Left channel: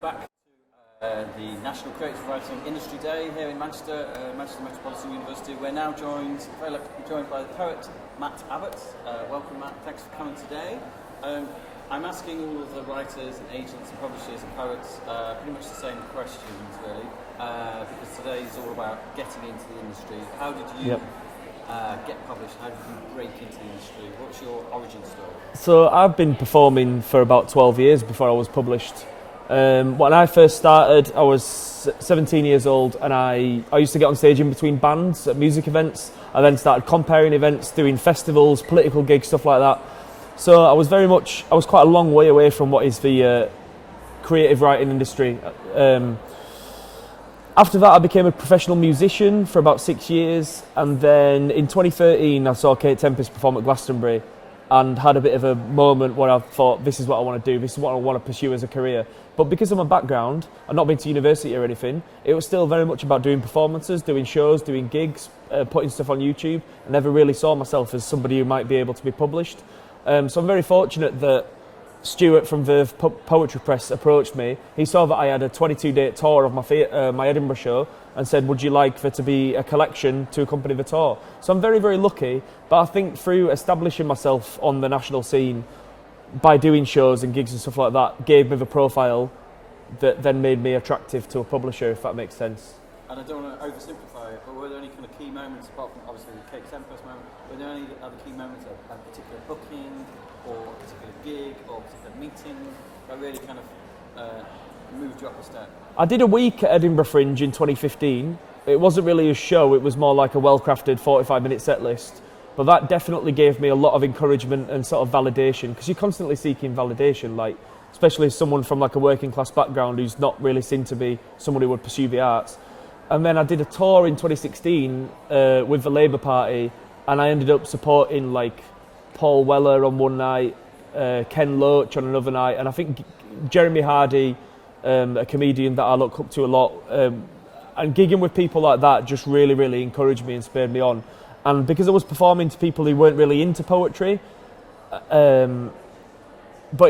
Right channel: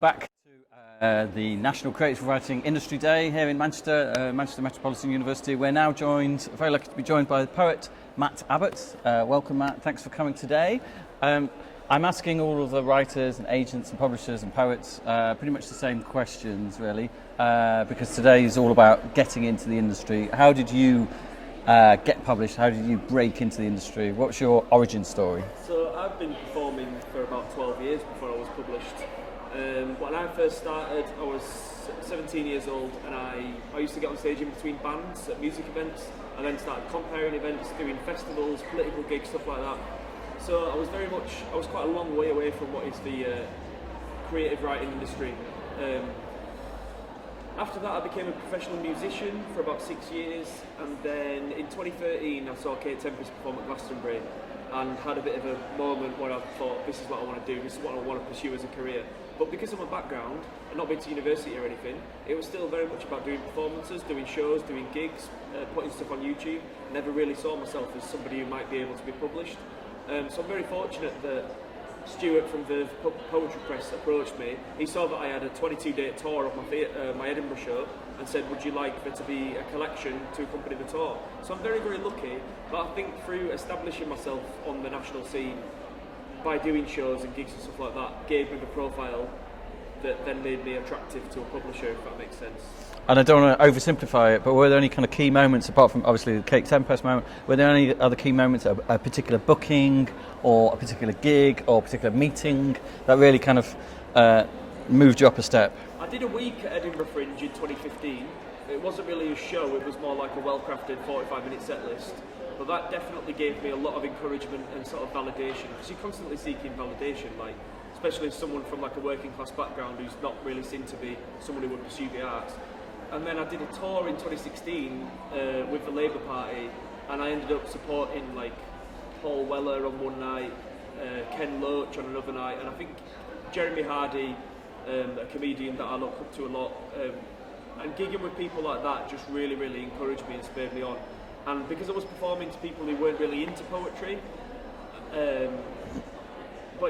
Back to the National Creative Writing Industry Day here in Manchester, Manchester Metropolitan University. We're now very lucky to be joined by the poet Matt Abbott. Welcome, Matt. Thanks for coming today. I'm asking all of the writers and agents and publishers and poets pretty much the same questions, really, because today is all about getting into the industry. How did you get published? How did you break into the industry? What's your origin story? So I've been performing for about 12 years before I was published. When I first started, I was 17 years old, and I used to get on stage in between bands at music events. I then started comparing events, doing festivals, political gigs, stuff like that. So I was quite a long way away from what is the creative writing industry. After that, I became a professional musician for about 6 years, and then in 2013, I saw Kate Tempest perform at Glastonbury, and had a bit of a moment where I thought, this is what I want to do, this is what I want to pursue as a career. But because of my background, and not being to university or anything, it was still very much about doing performances, doing shows, doing gigs, putting stuff on YouTube. I never really saw myself as somebody who might be able to be published. So I'm very fortunate that Stuart from Verve Poetry Press approached me. He saw that I had a 22-day tour of my Edinburgh show and said, would you like there to be a collection to accompany the tour? So I'm very, very lucky, but I think through establishing myself on the national scene, by doing shows and gigs and stuff like that, gave me the profile that then made me attractive to a publisher, if that makes sense. And I don't want to oversimplify it, but were there any kind of key moments, apart from obviously the Kate Tempest moment, were there any other key moments, a particular booking or a particular gig or a particular meeting that really kind of moved you up a step? I did a week at Edinburgh Fringe in 2015. It wasn't really a show, it was more like a well-crafted 45-minute set list. But that definitely gave me a lot of encouragement and sort of validation, because you're constantly seeking validation, like especially as someone from like a working class background who's not really seen to be someone who would pursue the arts. And then I did a tour in 2016 with the Labour Party, and I ended up supporting like Paul Weller on one night, Ken Loach on another night, and I think Jeremy Hardy, a comedian that I look up to a lot, and gigging with people like that just really, really encouraged me and spurred me on. And because I was performing to people who weren't really into poetry, but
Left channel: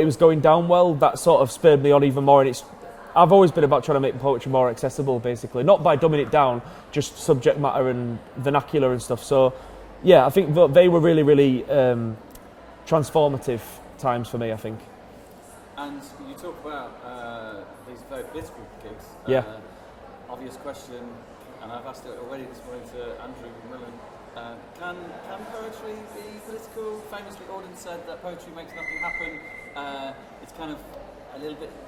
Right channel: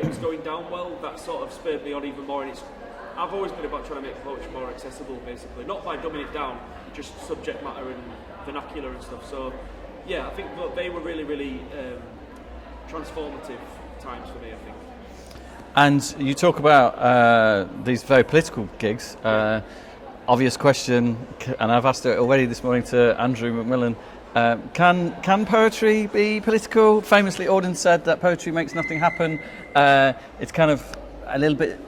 it was going down well, that sort of spurred me on even more. And I've always been about trying to make poetry more accessible, basically. Not by dumbing it down, just subject matter and vernacular and stuff. So, yeah, I think they were really, really transformative times for me, I think. And you talk about these very political gigs. Yeah. Obvious question, and I've asked it already this morning to Andrew McMillan. Can poetry be political? Famously, Auden said that poetry makes nothing happen. It's kind of a little bit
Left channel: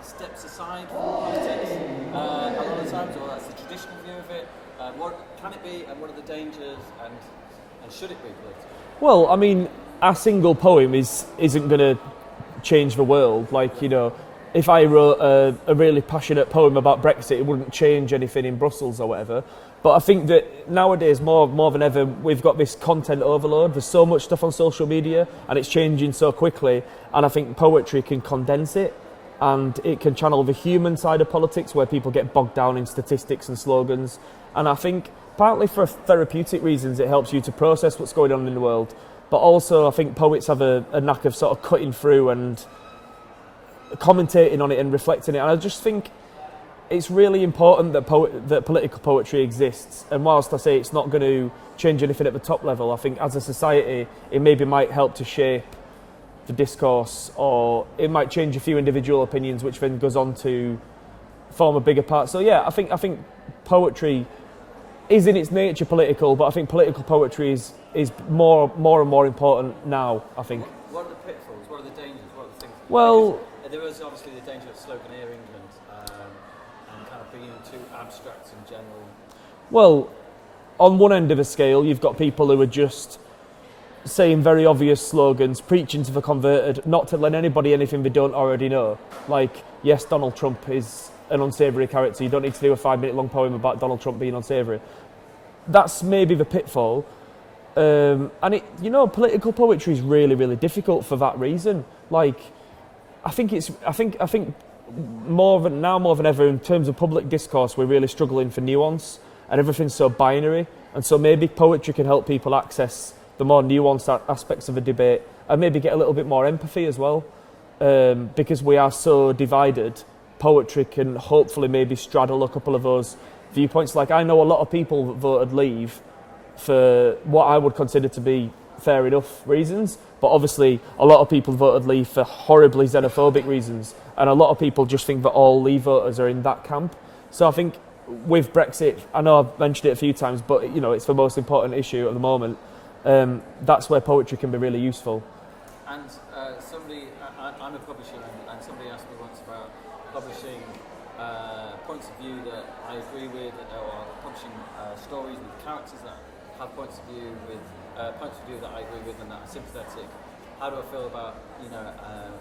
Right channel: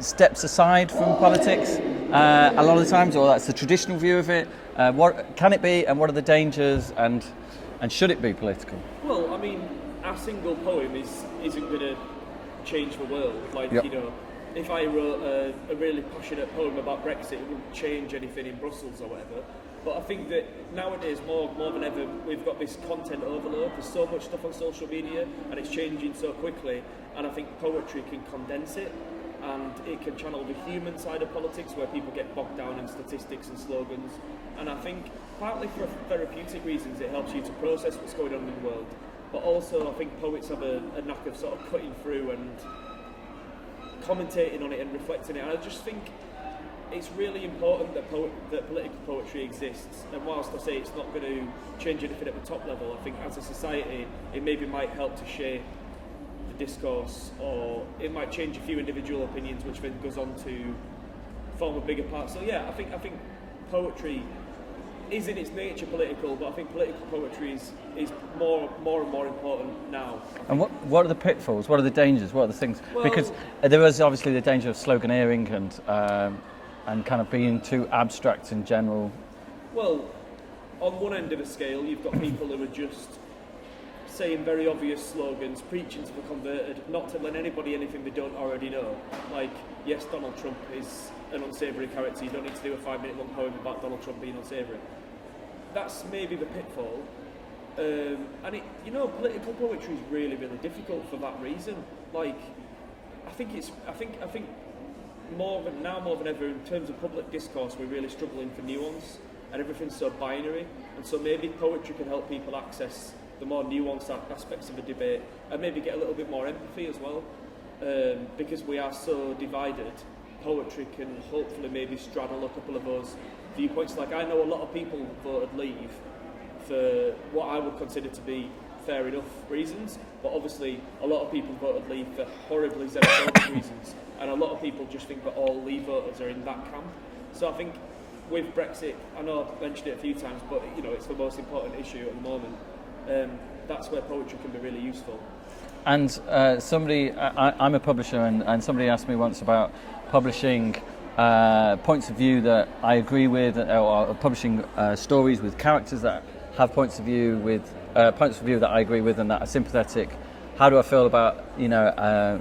steps aside from politics a lot of the times, or that's the traditional view of it. What can it be, and what are the dangers, and should it be political? Well, I mean, a single poem isn't going to change the world. Like, Yep. you know, if I wrote a really passionate poem about Brexit, it wouldn't change anything in Brussels or whatever. But I think that nowadays, more than ever, we've got this content overload. There's so much stuff on social media, and it's changing so quickly. And I think poetry can condense it, and it can channel the human side of politics, where people get bogged down in statistics and slogans. And I think partly for therapeutic reasons, it helps you to process what's going on in the world. But also, I think poets have a knack of sort of cutting through and commentating on it and reflecting it. And I just think it's really important that political poetry exists. And whilst I say it's not going to change anything at the top level, I think as a society it maybe might help to shape the discourse, or it might change a few individual opinions, which then goes on to form a bigger part. So yeah, I think poetry is in its nature political, but I think political poetry is more and more important now, I think. And what are the pitfalls? What are the dangers? What are the things? Well, because there is obviously the danger of sloganeering and kind of being too abstract in general. Well, on one end of the scale, you've got people who are just saying very obvious slogans, preaching to the converted, not to let anybody anything they don't already know. Like, yes, Donald Trump is an unsavoury character. You don't need to do a 5-minute long poem about Donald Trump being unsavoury. That's maybe the pitfall. And political poetry is really, really difficult for that reason. Like, I think more than ever, in terms of public discourse, we're really struggling for nuance, and everything's so binary. And so maybe poetry can help people access the more nuanced aspects of a debate and maybe get a little bit more empathy as well, because we are so divided. Poetry can hopefully maybe straddle a couple of those viewpoints. Like, I know a lot of people that voted leave for what I would consider to be fair enough reasons, but obviously a lot of people voted leave for horribly xenophobic reasons, and a lot of people just think that all leave voters are in that camp. So I think with Brexit, I know I've mentioned it a few times, but it's the most important issue at the moment. That's where poetry can be really useful. And I'm a publisher, and somebody asked me once about publishing points of view that I agree with, or publishing stories with characters that have points of view that I agree with and that are sympathetic. How do I feel about a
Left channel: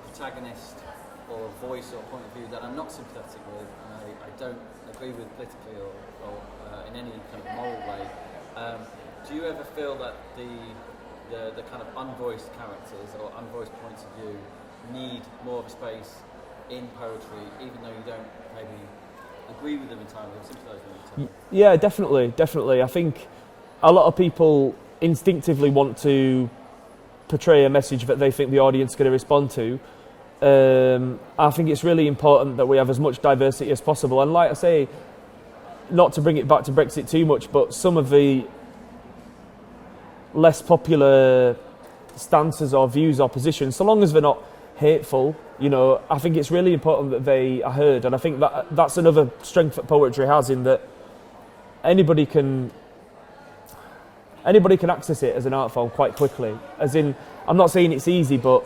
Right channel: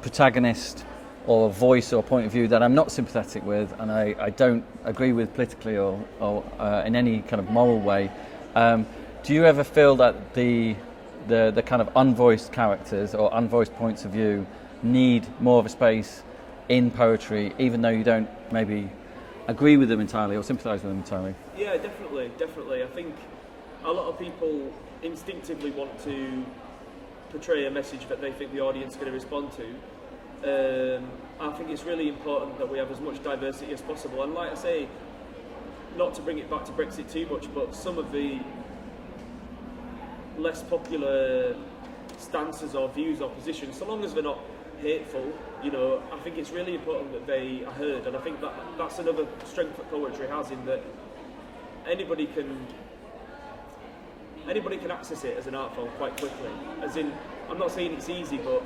protagonist or a voice or a point of view that I'm not sympathetic with and I don't agree with politically or in any kind of moral way? Do you ever feel that the kind of unvoiced characters or unvoiced points of view need more of a space in poetry, even though you don't maybe agree with them entirely or sympathise with them entirely? Yeah, definitely. I think a lot of people instinctively want to portray a message that they think the audience is going to respond to. I think it's really important that we have as much diversity as possible. And like I say, not to bring it back to Brexit too much, but some of the less popular stances or views or positions, so long as they're not hateful, I think it's really important that they are heard. And I think that's another strength that poetry has, in that anybody can access it as an art form quite quickly. As in, I'm not saying it's easy, but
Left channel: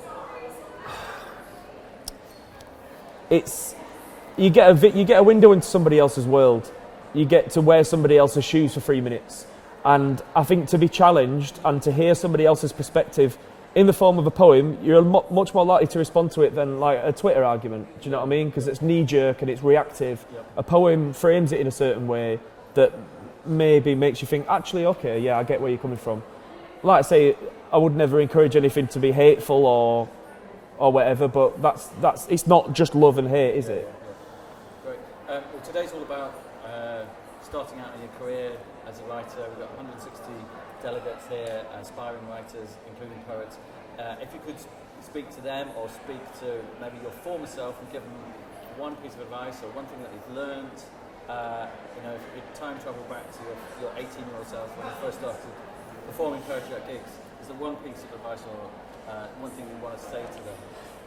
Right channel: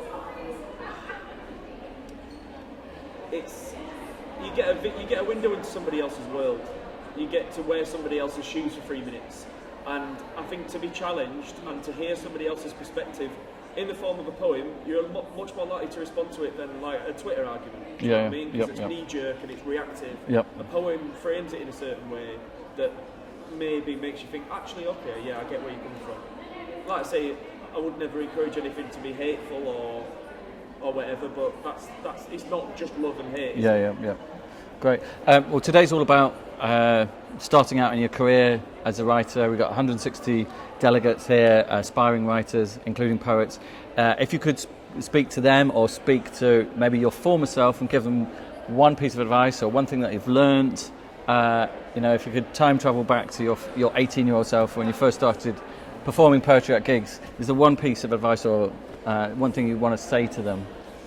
you get a window into somebody else's world. You get to wear somebody else's shoes for 3 minutes. And I think to be challenged and to hear somebody else's perspective in the form of a poem, you're much more likely to respond to it than like a Twitter argument. Do you know what I mean? Because it's knee-jerk and it's reactive. Yep. A poem frames it in a certain way that maybe makes you think, actually, okay, yeah, I get where you're coming from. Like I say, I would never encourage anything to be hateful or whatever, but that's it's not just love and hate, is it? Yeah. Great. Well, today's all about starting out in your career as a writer. We've got 160 delegates here, aspiring writers, including poets. If you could speak to them or speak to maybe your former self and give them one piece of advice or one thing that you've learned, if you could time travel back to your 18-year-old self when you first started performing poetry at gigs, is there one piece of advice or one thing you want to say to them?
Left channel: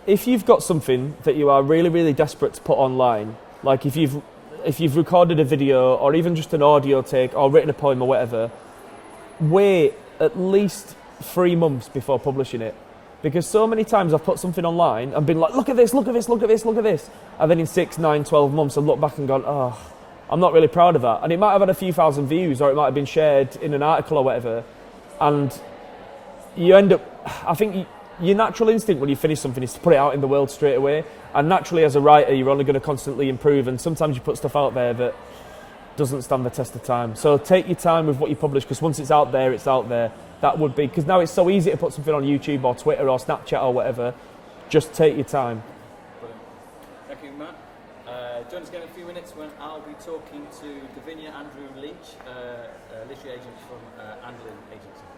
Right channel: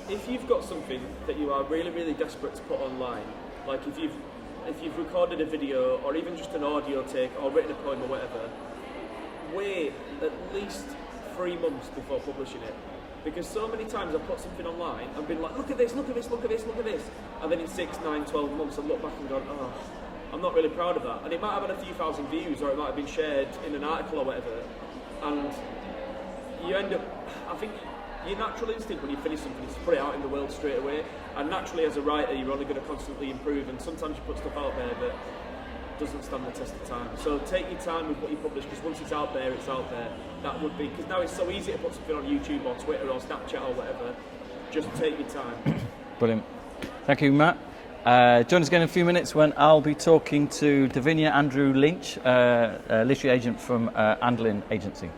If you've got something that you are really, really desperate to put online, like if you've recorded a video or even just an audio take or written a poem or whatever, wait at least 3 months before publishing it. Because so many times I've put something online and been like, look at this, look at this, look at this, look at this. And then in 6, 9, 12 months I've looked back and gone, oh, I'm not really proud of that. And it might have had a few thousand views, or it might have been shared in an article or whatever. And you end up, I think your natural instinct when you finish something is to put it out in the world straight away. And naturally as a writer, you're only going to constantly improve. And sometimes you put stuff out there that doesn't stand the test of time. So take your time with what you publish, because once it's out there, it's out there. That would be, because now it's so easy to put something on YouTube or Twitter or Snapchat or whatever. Just take your time. Brilliant. Thank you, Matt. Join us again in a few minutes when I'll be talking to Davinia Andrew Lynch, a literary agent from Andlin Agency.